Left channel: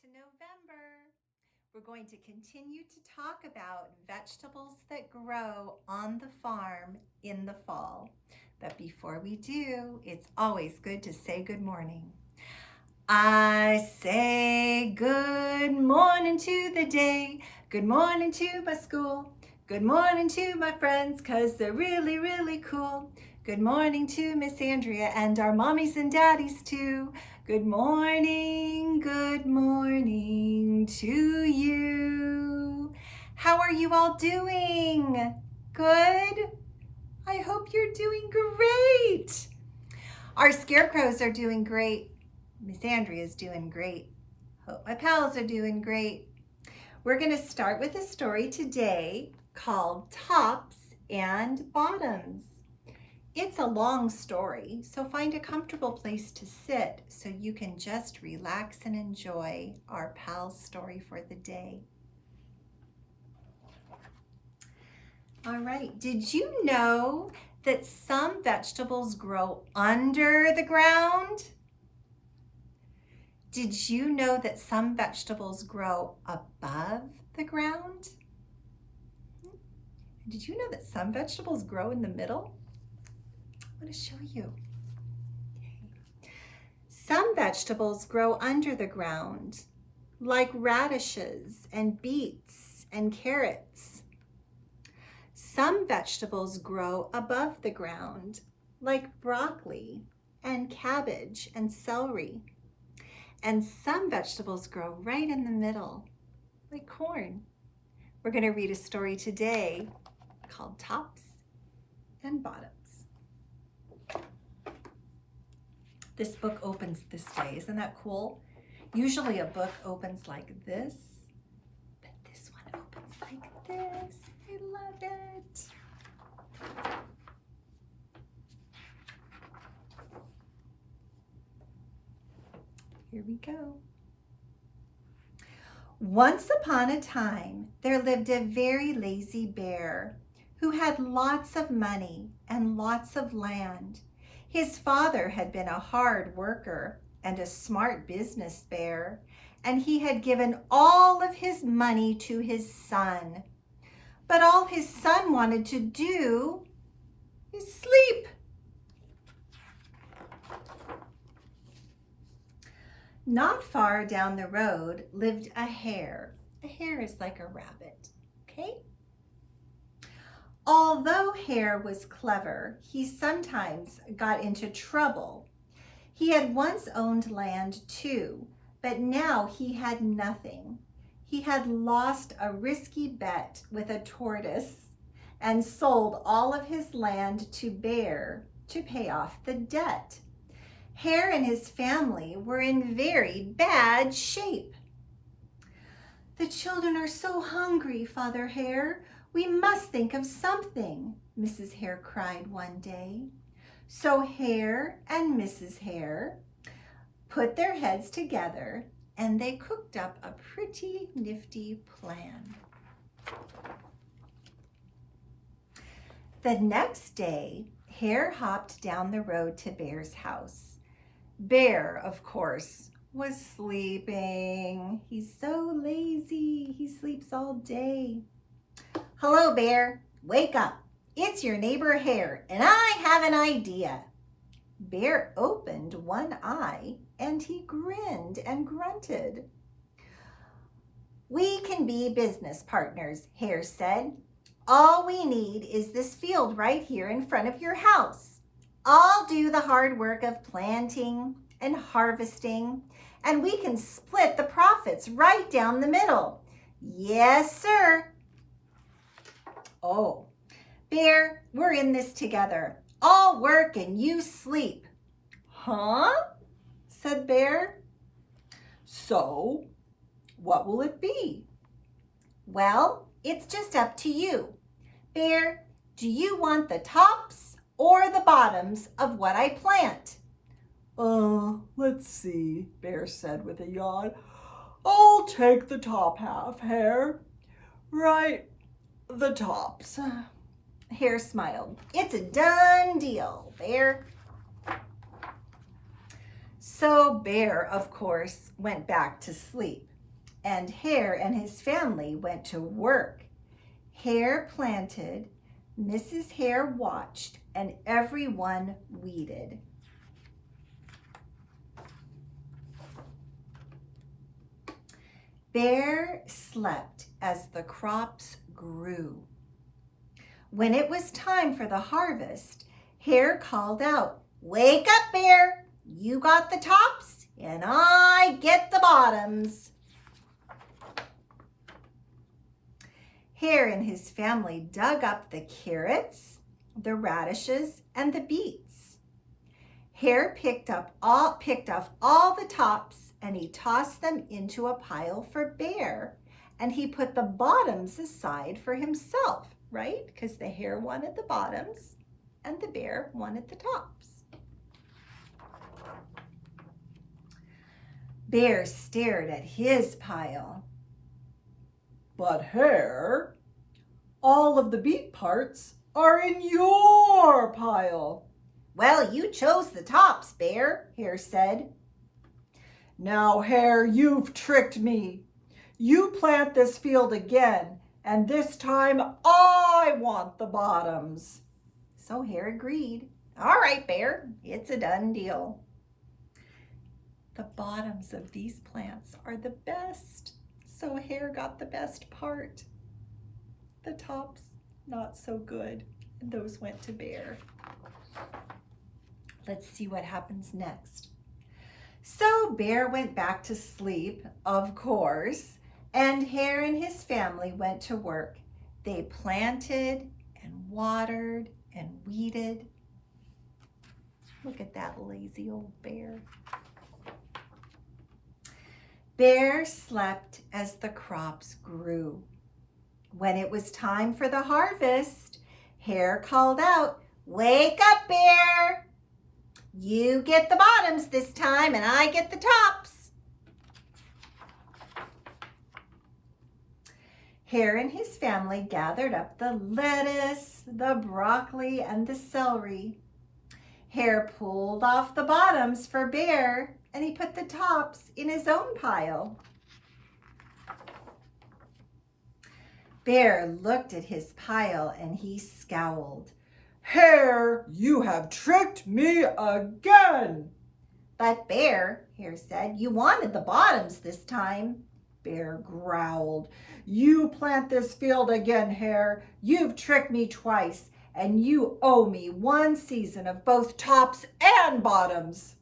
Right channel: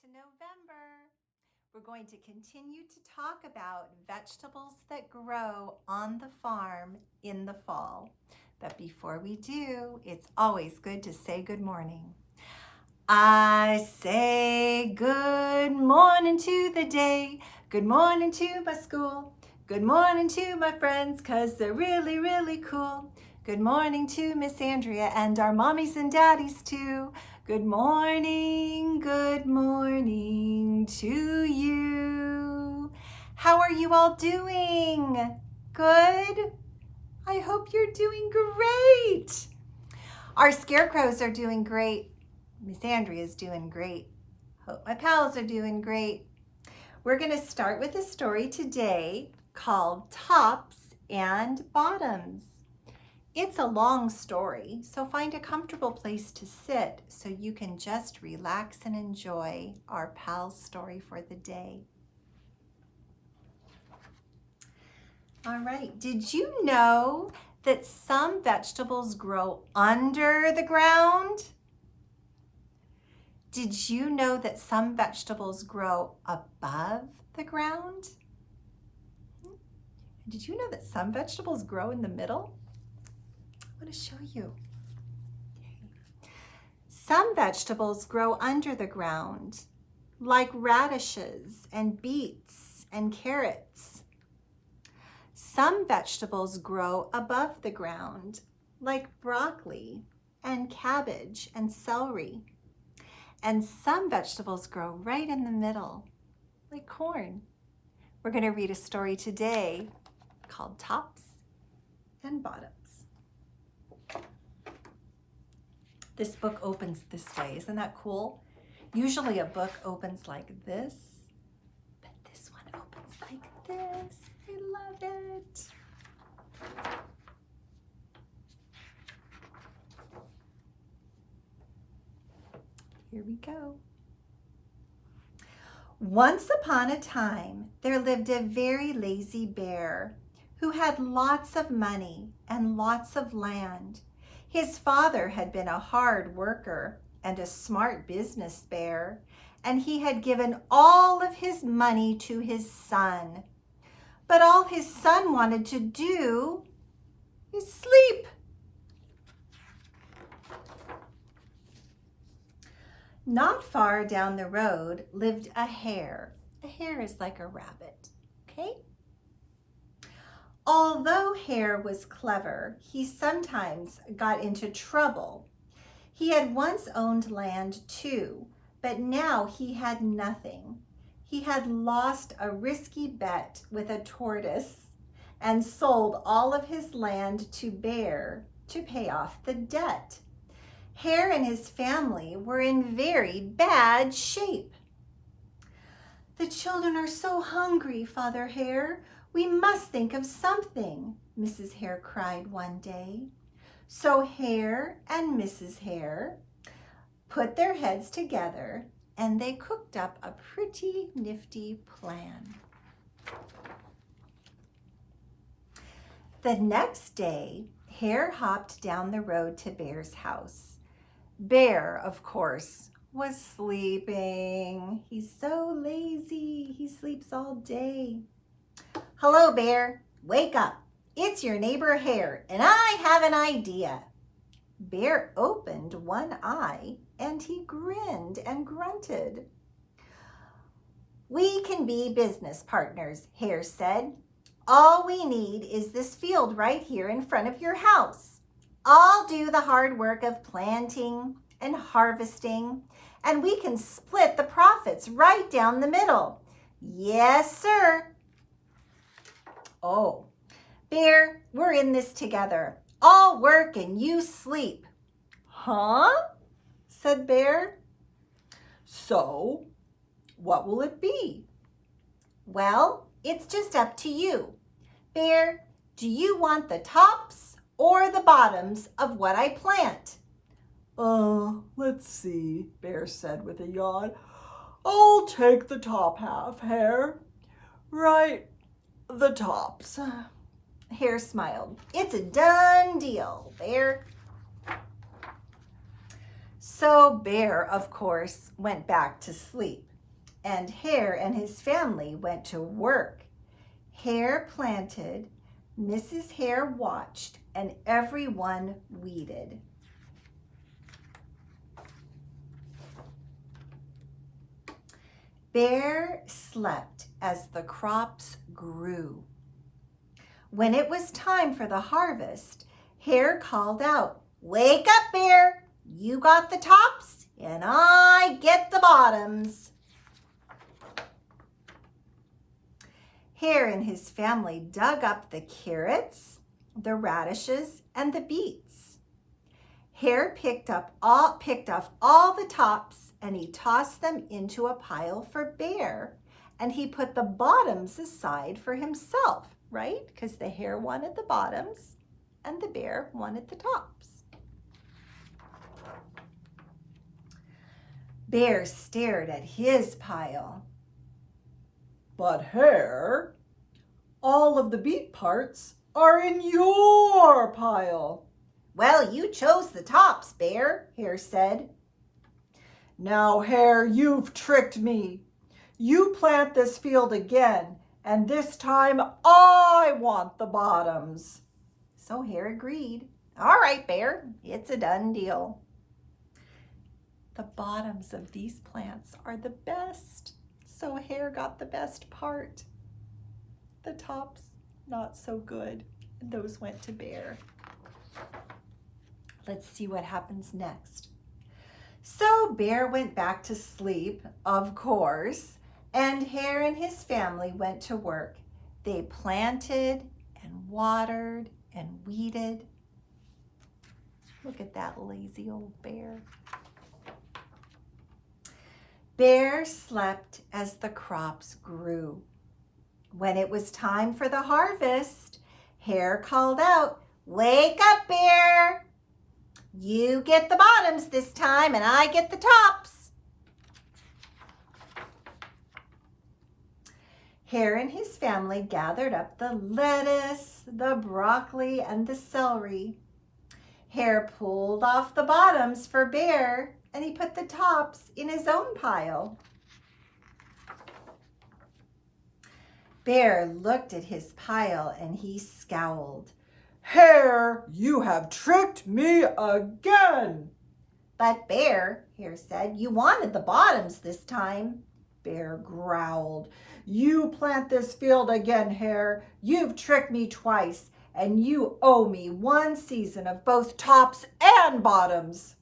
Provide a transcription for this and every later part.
to November. We're going to continue to talk about vegetables that grow on the farm in the fall. But before we do, it's always good to say good morning. I say good morning to the day, good morning to my school, good morning to my friends, 'cause they're really, really cool. Good morning to Miss Andrea and our mommies and daddies too. Good morning to you. How are you all doing? Good? I hope you're doing great. Our scarecrows are doing great. Miss Andrea is doing great. Hope my pals are doing great. We're going to start with a story today called Tops and Bottoms. It's a long story, so find a comfortable place to sit so you can just relax and enjoy our PALS story for the day. All right, did you know that some vegetables grow under the ground? Did you know that some vegetables grow above the ground? Did you know that some vegetables grow in the middle? I want to show you. Some vegetables grow under the ground, like radishes and beets and carrots. Some vegetables grow above the ground, like broccoli and cabbage and celery. And some vegetables grow right in the middle, like corn. We're going to read a story today called Tops and Bottoms. This book opens this way. Isn't that cool? Usually a book opens like this, but this one opens like this. I love it. Here we go. Once upon a time, there lived a very lazy bear who had lots of money and lots of land. His father had been a hard worker and a smart business bear, and he had given all of his money to his son. But all his son wanted to do is sleep. Not far down the road lived a hare. A hare is like a rabbit, okay? Although Hare was clever, he sometimes got into trouble. He had once owned land too, but now he had nothing. He had lost a risky bet with a tortoise and sold all of his land to Bear to pay off the debt. Hare and his family were in very bad shape. "The children are so hungry, Father Hare. We must think of something," Mrs. Hare cried one day. So Hare and Mrs. Hare put their heads together and they cooked up a pretty nifty plan. The next day, Hare hopped down the road to Bear's house. Bear, of course, was sleeping. He's so lazy. He sleeps all day. "Hello, Bear. Wake up. It's your neighbor Hare, and I have an idea." Bear opened one eye, and he grinned and grunted. "We can be business partners," Hare said. "All we need is this field right here in front of your house. I'll do the hard work of planting and harvesting, and we can split the profits right down the middle." "Yes, sir." "Oh, Bear, we're in this together. I'll work and you sleep." "Huh?" said Bear. "So, what will it be?" "Well, it's just up to you. Bear, do you want the tops or the bottoms of what I plant?" Let's see," Bear said with a yawn. "I'll take the top half, Hare. Right, the tops." Hare smiled. "It's a done deal, Bear." So Bear, of course, went back to sleep. and Hare and his family went to work. Hare planted, Mrs. Hare watched, and everyone weeded. Bear slept as the crops grew. When it was time for the harvest, Hare called out, "Wake up, Bear! You got the tops and I get the bottoms." Hare and his family dug up the carrots, the radishes, and the beets. Hare picked off all the tops and he tossed them into a pile for Bear, and he put the bottoms aside for himself, right? Because the hare wanted the bottoms and the bear wanted the tops. Bear stared at his pile. "But Hare, all of the beet parts are in your pile." "Well, you chose the tops, Bear," Hare said. "Now, Hare, you've tricked me. You plant this field again, and this time I want the bottoms." So Hare agreed. "All right, Bear, it's a done deal." The bottoms of these plants are the best, so Hare got the best part. The tops, not so good, and those went to Bear. Let's see what happens next. So Bear went back to sleep, of course, and Hare and his family went to work. They planted and watered and weeded. Look at that lazy old bear. Bear slept as the crops grew. When it was time for the harvest, Hare called out, "Wake up, Bear! You get the bottoms this time and I get the tops." Hare and his family gathered up the lettuce, the broccoli, and the celery. Hare pulled off the bottoms for Bear, and he put the tops in his own pile. Bear looked at his pile and he scowled. "Hare, you have tricked me again." "But Bear," Hare said, "you wanted the bottoms this time." Bear growled. "You plant this field again, Hare. You've tricked me twice, and you owe me one season of both tops and bottoms."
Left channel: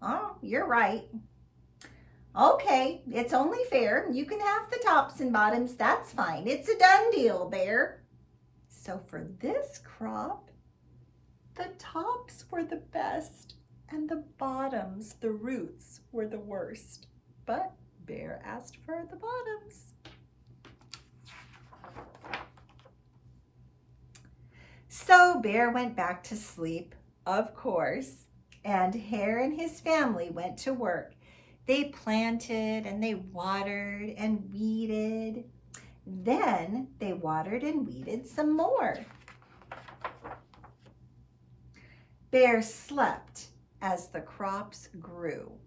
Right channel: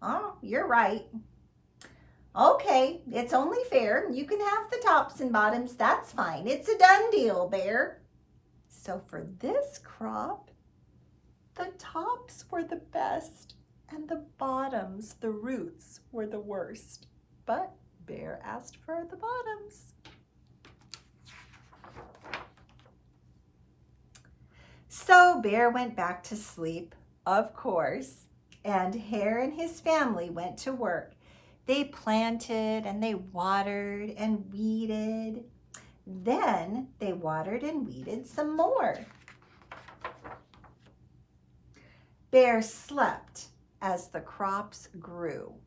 "Oh, you're right." "Okay, it's only fair. You can have the tops and bottoms. That's fine. It's a done deal, Bear." So for this crop, the tops were the best and the bottoms, the roots, were the worst. But Bear asked for the bottoms. So Bear went back to sleep, of course, and Hare and his family went to work. They planted and they watered and weeded. Then they watered and weeded some more. Bear slept as the crops grew.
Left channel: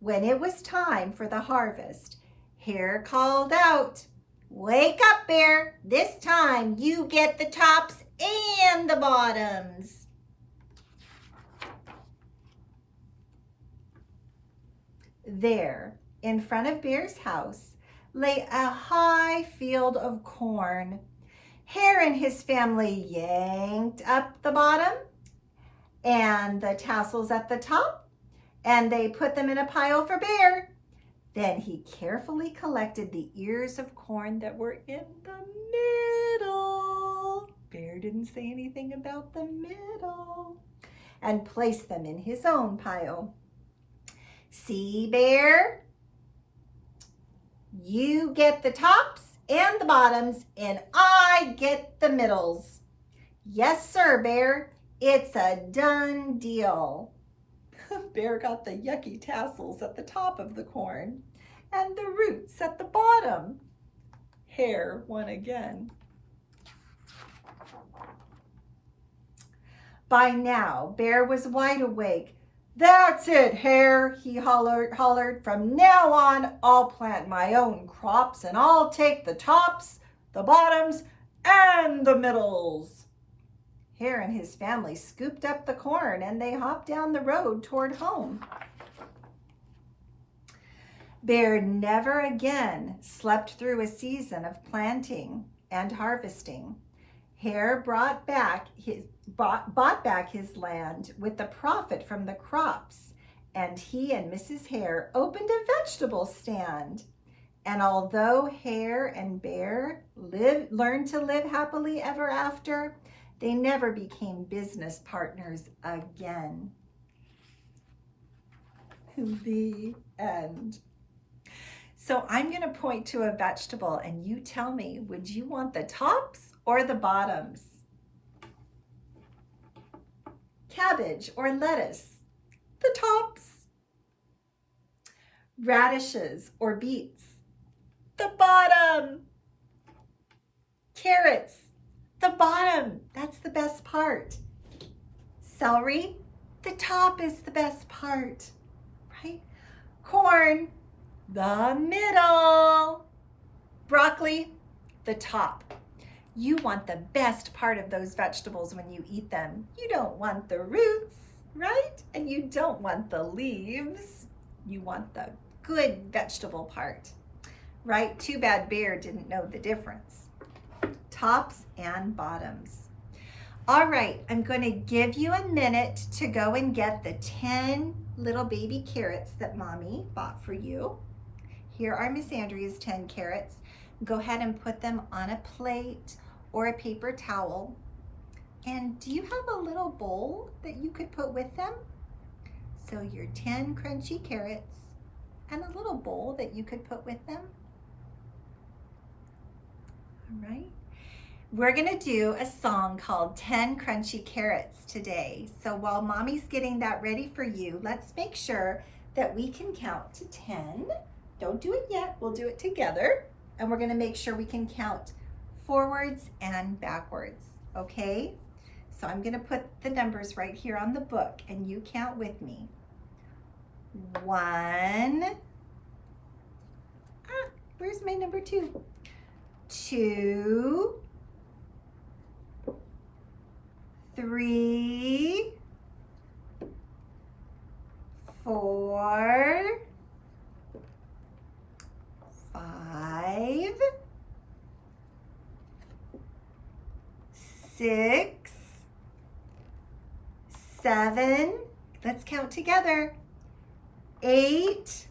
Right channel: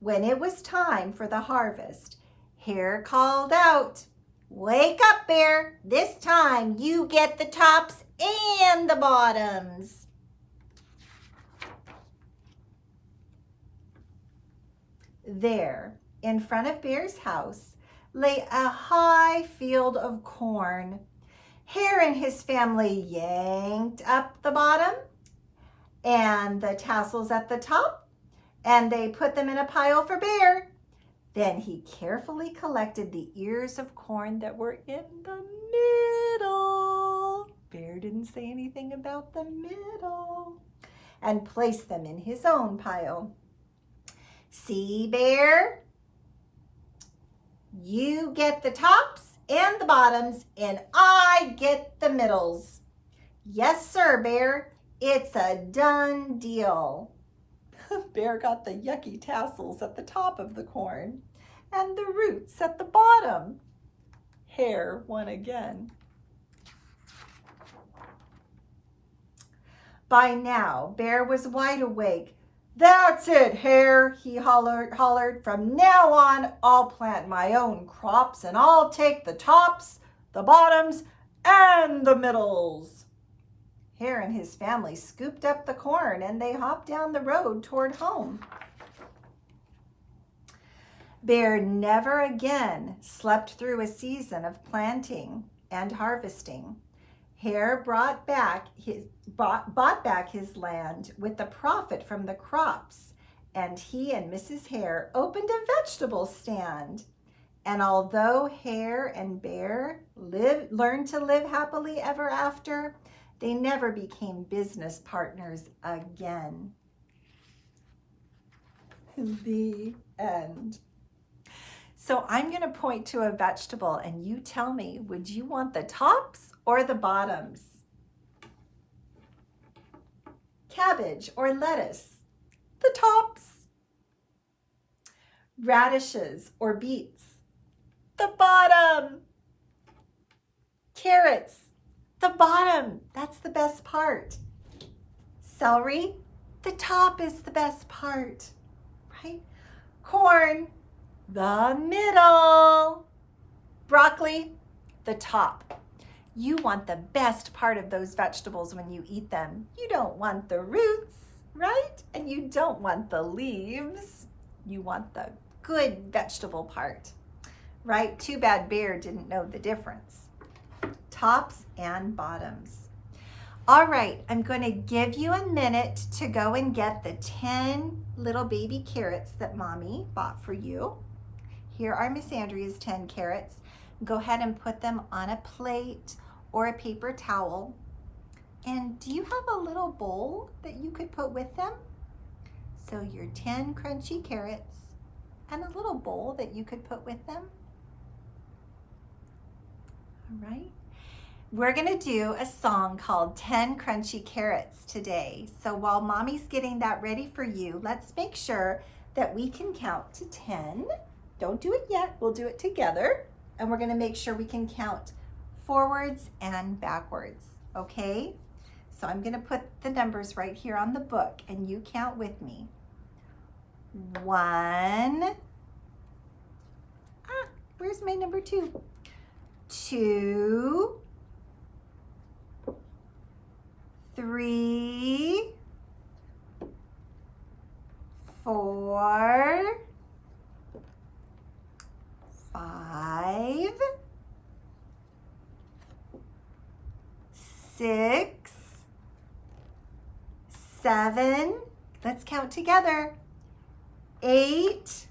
When it was time for the harvest, Hare called out, "Wake up, Bear! This time you get the tops and the bottoms." There, in front of Bear's house, lay a high field of corn. Hare and his family yanked up the bottom and the tassels at the top, and they put them in a pile for Bear. Then he carefully collected the ears of corn that were in the middle. Bear didn't say anything about the middle, and placed them in his own pile. "See, Bear? You get the tops and the bottoms, and I get the middles." "Yes, sir, Bear. It's a done deal." Bear got the yucky tassels at the top of the corn and the roots at the bottom. Hare won again. By now, Bear was wide awake. That's it, Hare, he hollered. From now on, I'll plant my own crops and I'll take the tops, the bottoms, and the middles. Hare and his family scooped up the corn and they hopped down the road toward home. Bear never again slept through a season of planting and harvesting. Hare bought back his land with the profit from the crops, and he and Mrs. Hare opened a vegetable stand. And although Hare and Bear learned to live happily ever after, they never became business partners again. The end. So I'm going to point to a vegetable and you tell me, would you want the tops or the bottoms? Cabbage or lettuce? The tops. Radishes or beets? The bottom. Carrots? The bottom. That's the best part. Celery? The top is the best part, right? Corn? The middle. Broccoli, the top. You want the best part of those vegetables when you eat them. You don't want the roots, right? And you don't want the leaves. You want the good vegetable part, right? Too bad Bear didn't know the difference. Tops and bottoms. All right, I'm going to give you a minute to go and get the 10 little baby carrots that Mommy bought for you. Here are Miss Andrea's 10 carrots. Go ahead and put them on a plate or a paper towel. And do you have a little bowl that you could put with them? So your 10 crunchy carrots and a little bowl that you could put with them. All right. We're gonna do a song called 10 Crunchy Carrots today. So while Mommy's getting that ready for you, let's make sure that we can count to 10. Don't do it yet, we'll do it together. And we're gonna make sure we can count forwards and backwards, okay? So I'm gonna put the numbers right here on the book and you count with me. 1, where's my number 2? 2, 3, 4, 5, 6, 7, let's count together, 8,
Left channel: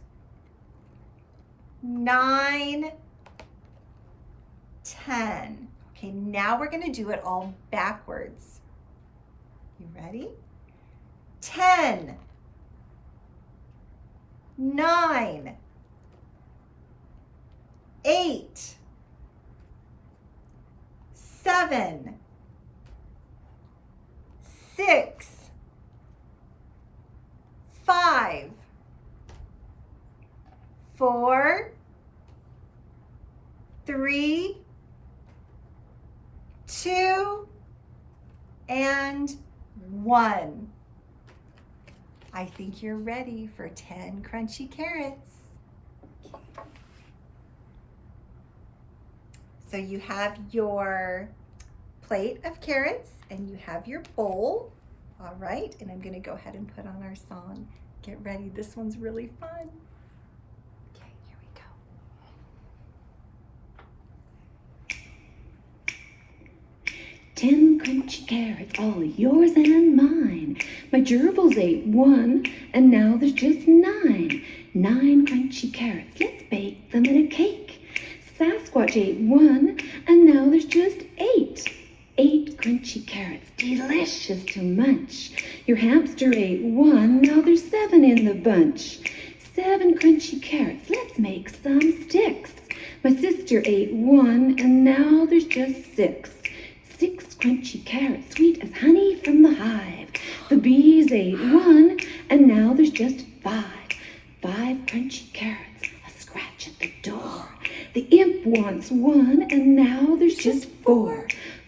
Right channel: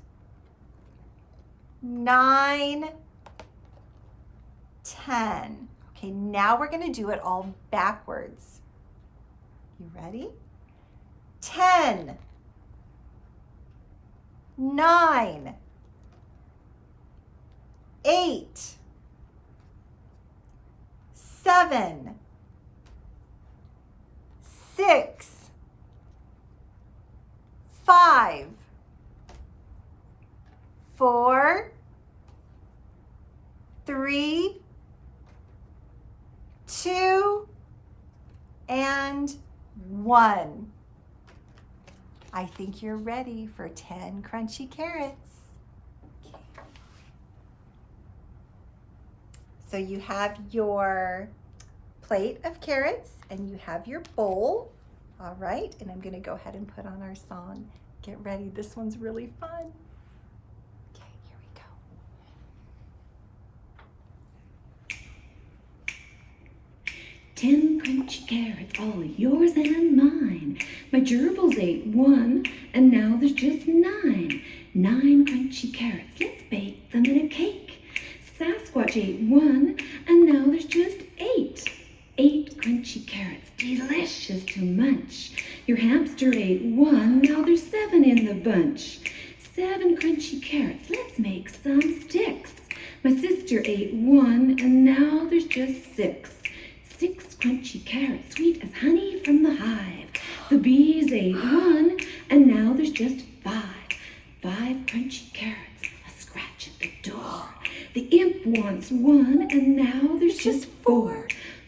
9, 10. Okay, now we're going to do it all backwards. You ready? 10, 9, 8, 7, 6, 5, 4, 3, 2, and 1. I think you're ready for 10 crunchy carrots. So you have your plate of carrots and you have your bowl. All right, and I'm gonna go ahead and put on our song. Get ready, this one's really fun. Okay, here we go. 10 crunchy carrots, all yours and mine. My gerbils ate 1, and now there's just 9. 9 crunchy carrots, let's bake them in a cake. Sasquatch ate 1, and now there's just 8. 8 crunchy carrots, delicious to munch. Your hamster ate 1, now there's 7 in the bunch. 7 crunchy carrots, let's make some sticks. My sister ate 1, and now there's just 6. 6 crunchy carrots, sweet as honey from the hive. The bees ate 1, and now there's just 5. 5 crunchy carrots, a scratch at the door. The imp wants 1, and now there's just 4.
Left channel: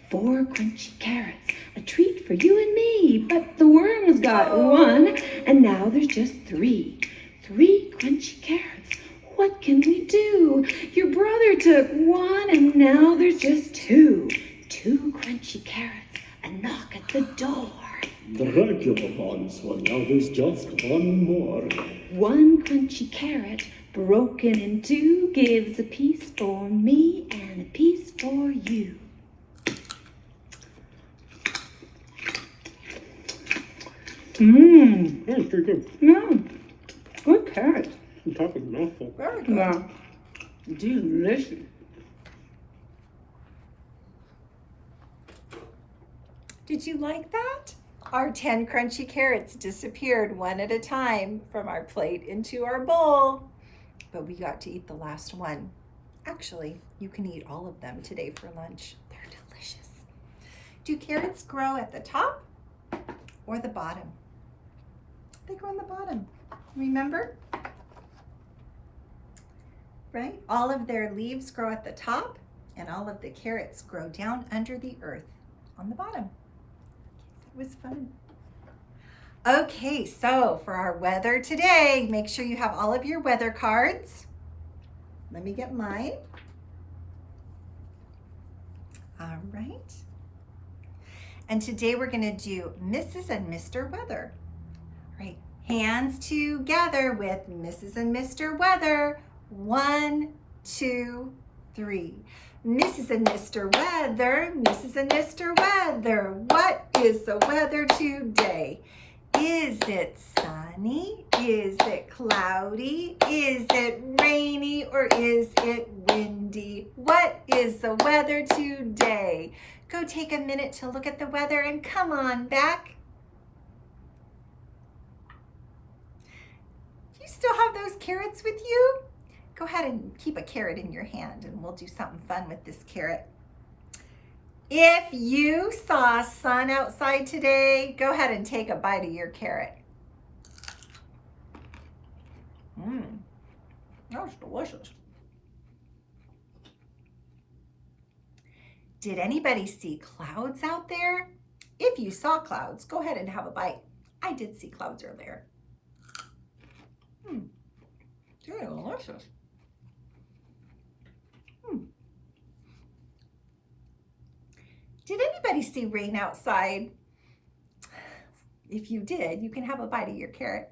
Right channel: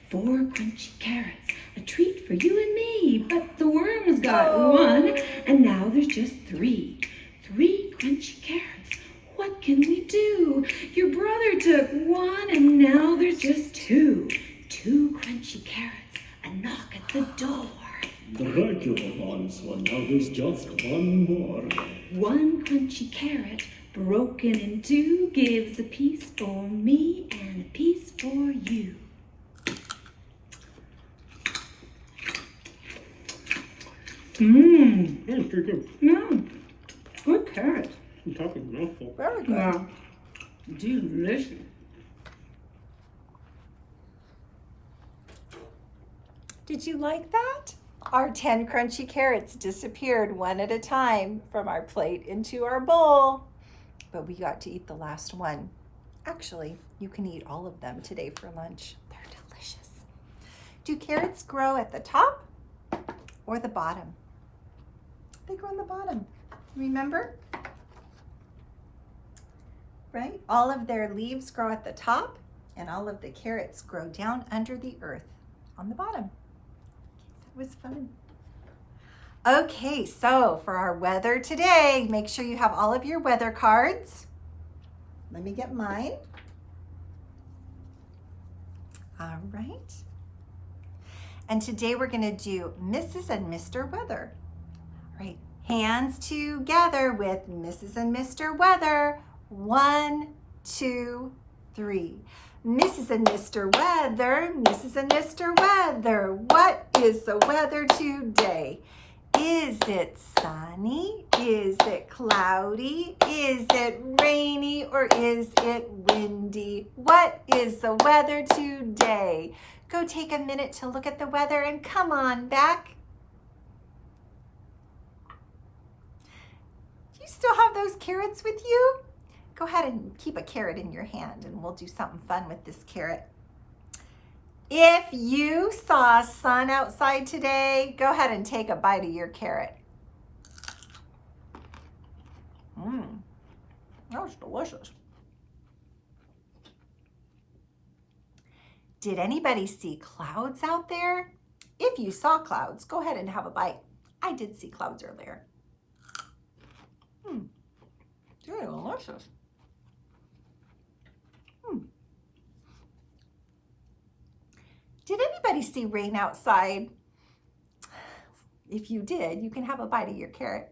4 crunchy carrots, a treat for you and me. But the worms got 1, and now there's just three. Three crunchy carrots. What can we do? Your brother took one and now there's just two. Two crunchy carrots. A knock at the door. The regular ones, well now there's just one more. One crunchy carrot broken in two gives a piece for me and a piece for you. Mmm. Yeah, it's pretty good. Yeah. Good carrot. I'm talking mouthful. Very good. Yeah. Delicious. Did you like that? Our 10 crunchy carrots disappeared one at a time from our plate into our bowl, but we got to eat the last one. Actually, you can eat all of them today for lunch. They're delicious. Do carrots grow at the top or the bottom? They grow on the bottom. Remember? Right? All of their leaves grow at the top, and all of the carrots grow down under the earth on the bottom. It was fun. Okay, so for our weather today, make sure you have all of your weather cards. Let me get mine. All right. And today we're going to do Mrs. and Mr. Weather. Right. Hands together with Mrs. and Mr. Weather. 1, 2, 3. Mrs. and Mr. Weather, Mrs. and Mr. Weather, what is the weather today? Is it sunny? Is it cloudy? Is it rainy or is it windy? What is the weather today? Go take a minute to look at the weather and come on back. Do you still have those carrots with you? Go ahead and keep a carrot in your hand and we'll do something fun with this carrot. If you saw sun outside today, go ahead and take a bite of your carrot. That was delicious. Did anybody see clouds out there? If you saw clouds, go ahead and have a bite. I did see clouds earlier. They're delicious. Did anybody see rain outside? If you did, you can have a bite of your carrot.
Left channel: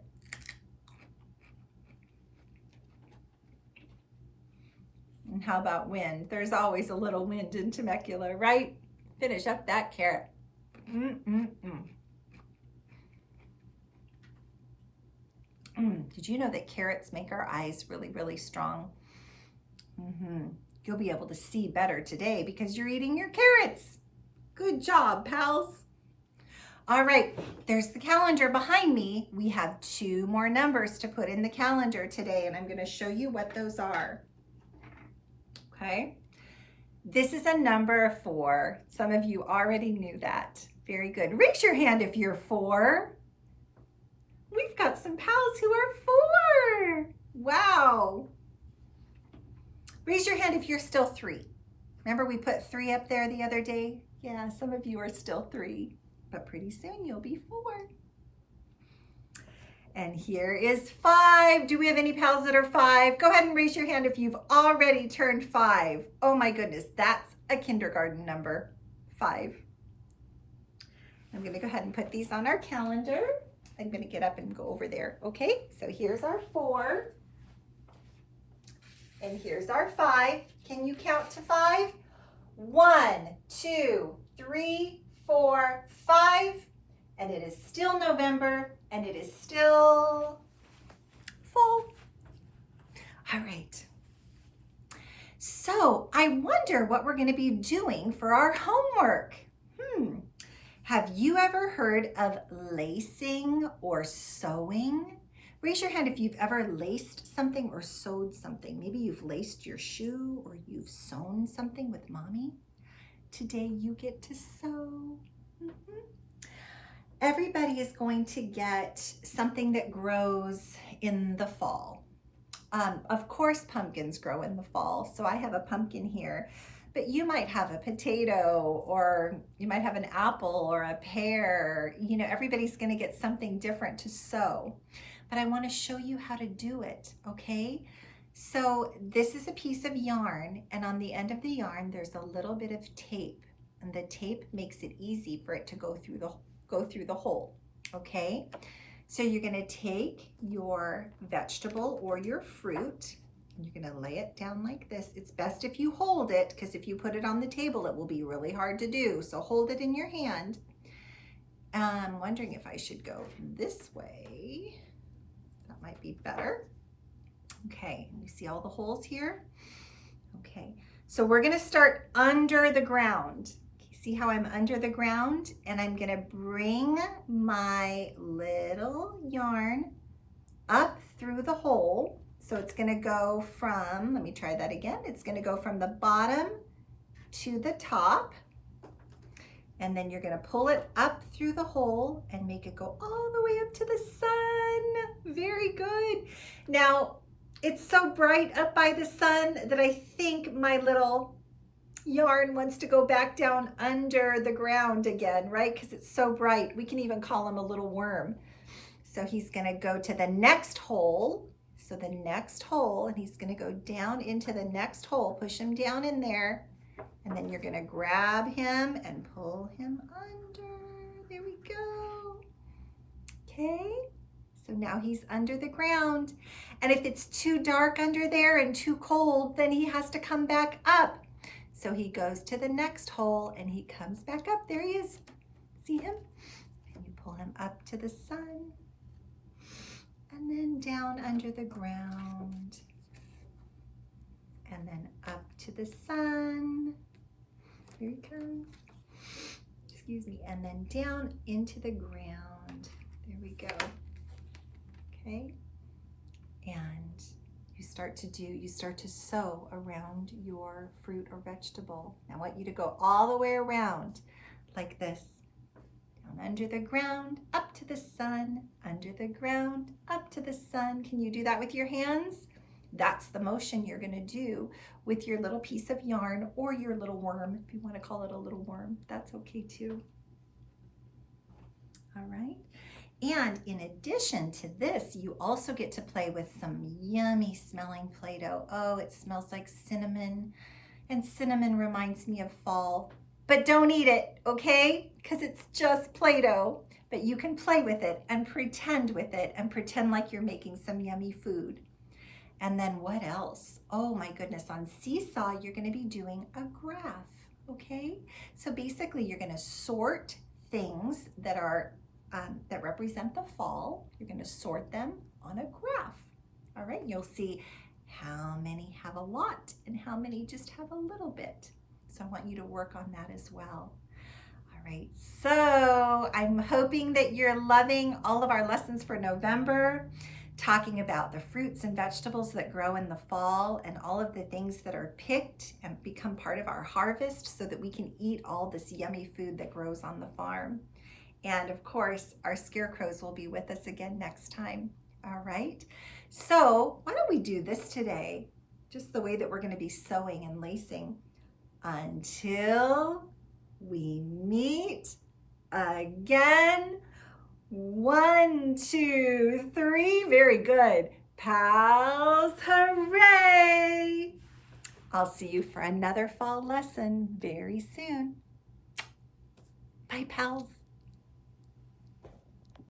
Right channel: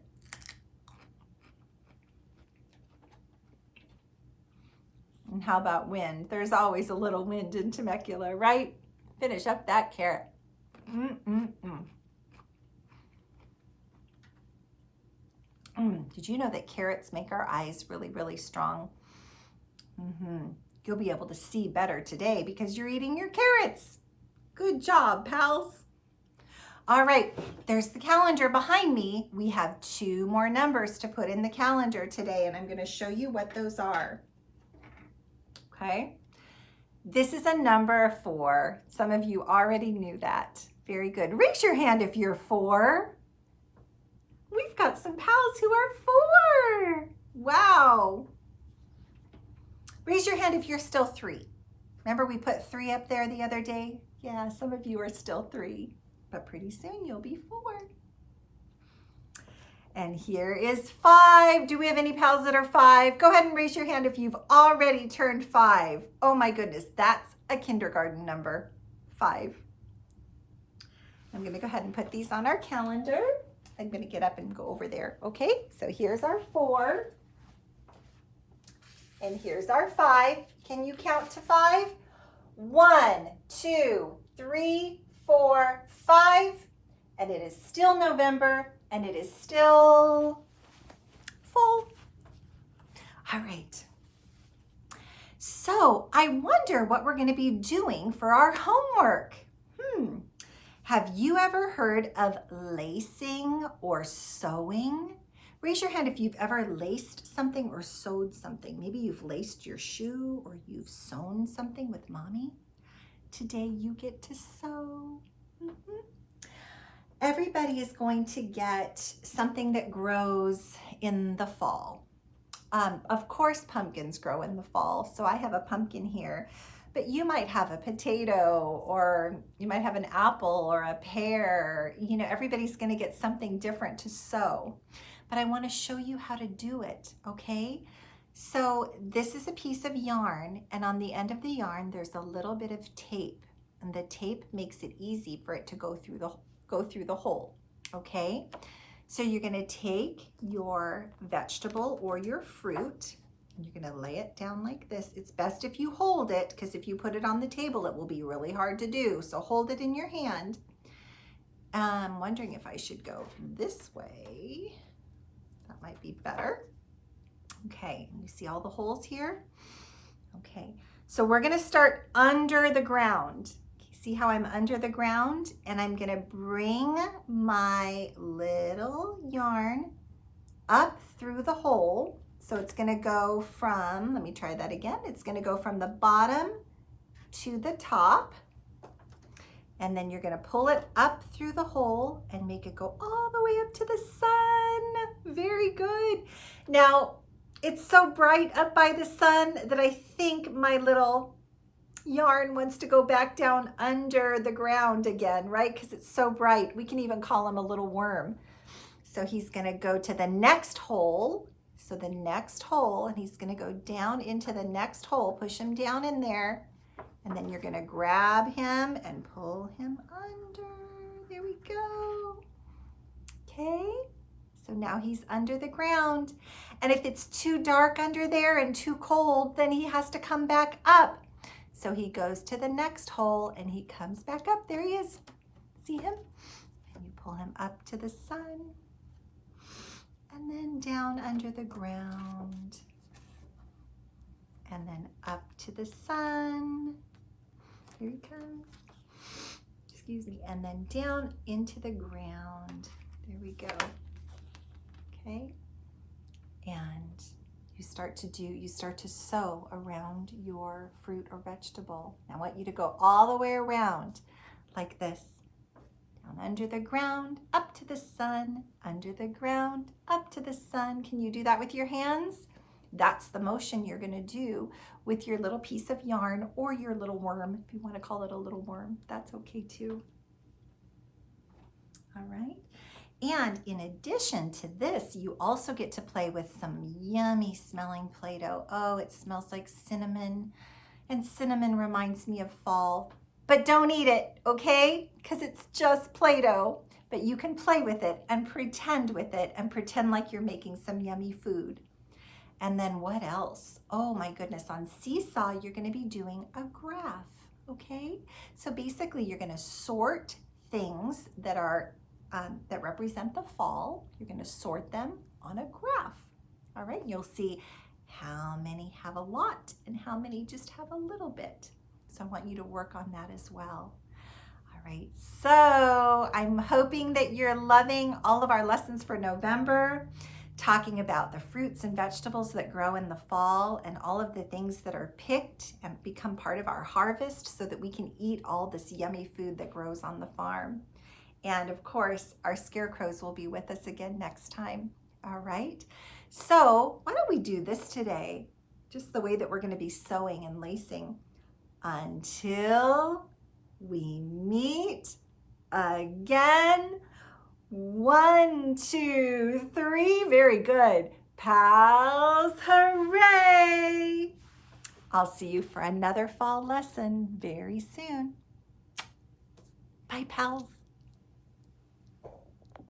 And how about wind? There's always a little wind in Temecula, right? Finish up that carrot. Did you know that carrots make our eyes really, really strong? You'll be able to see better today because you're eating your carrots. Good job, pals. All right, there's the calendar behind me. We have 2 more numbers to put in the calendar today, and I'm going to show you what those are. Okay, this is a number 4. Some of you already knew that. Very good. Raise your hand if you're 4. We've got some pals who are 4. Wow. Raise your hand if you're still 3. Remember we put 3 up there the other day? Yeah, some of you are still 3, but pretty soon you'll be 4. And here is 5. Do we have any pals that are 5? Go ahead and raise your hand if you've already turned 5. Oh my goodness, that's a kindergarten number, 5. I'm gonna go ahead and put these on our calendar. I'm gonna get up and go over there. Okay, so here's our 4. And here's our 5. Can you count to 5? 1, 2, 3, 4, 5. And it is still November, and it is still fall. All right. So I wonder what we're going to be doing for our homework. Have you ever heard of lacing or sewing? Raise your hand if you've ever laced something or sewed something. Maybe you've laced your shoe or you've sewn something with mommy. Today you get to sew. Everybody is going to get something that grows in the fall. Of course, pumpkins grow in the fall, so I have a pumpkin here. But you might have a potato, or you might have an apple or a pear. You know, everybody's going to get something different to sew. but I want to show you how to do it, okay? So this is a piece of yarn, and on the end of the yarn, there's a little bit of tape, and the tape makes it easy for it to go through the hole, okay? So you're going to take your vegetable or your fruit, and you're going to lay it down like this. It's best if you hold it, because if you put it on the table, it will be really hard to do. So hold it in your hand. I'm wondering if I should go this way. That might be better. Okay, you see all the holes here? Okay, so we're gonna start under the ground. See how I'm under the ground? And I'm gonna bring my little yarn up through the hole. So it's gonna go from, let me try that again. It's gonna go from the bottom to the top. And then you're gonna pull it up through the hole and make it go all the way up to the sun. Very good. Now, it's so bright up by the sun that I think my little yarn wants to go back down under the ground again, right? Because it's so bright. We can even call him a little worm. So he's gonna go to the next hole. So the next hole, and he's gonna go down into the next hole, push him down in there. And then you're gonna grab him and pull him under. There we go. Okay, so now he's under the ground. And if it's too dark under there and too cold, then he has to come back up. So he goes to the next hole and he comes back up. There he is. See him? And you pull him up to the sun. And then down under the ground. And then up to the sun. Here he comes. Excuse me. And then down into the ground. There we go. Okay. And you start to sew around your fruit or vegetable. I want you to go all the way around like this. Down under the ground, up to the sun, under the ground, up to the sun. Can you do that with your hands? That's the motion you're going to do with your little piece of yarn or your little worm. If you want to call it a little worm, that's okay too. All right. And in addition to this, you also get to play with some yummy smelling Play-Doh. Oh, it smells like cinnamon, and cinnamon reminds me of fall. But don't eat it, okay? Because it's just Play-Doh. But you can play with it and pretend with it and pretend like you're making some yummy food. And then what else? Oh my goodness, on Seesaw, you're gonna be doing a graph, okay? So basically you're gonna sort things that are, that represent the fall. You're gonna sort them on a graph, all right? You'll see how many have a lot and how many just have a little bit. So I want you to work on that as well. All right, so I'm hoping that you're loving all of our lessons for November, talking about the fruits and vegetables that grow in the fall and all of the things that are picked and become part of our harvest so that we can eat all this yummy food that grows on the farm. And of course, our scarecrows will be with us again next time. All right, so why don't we do this today? Just the way that we're going to be sewing and lacing until we meet again. 1, 2, 3. Very good. Pals, hooray! I'll see you for another fall lesson very soon. Bye, pals.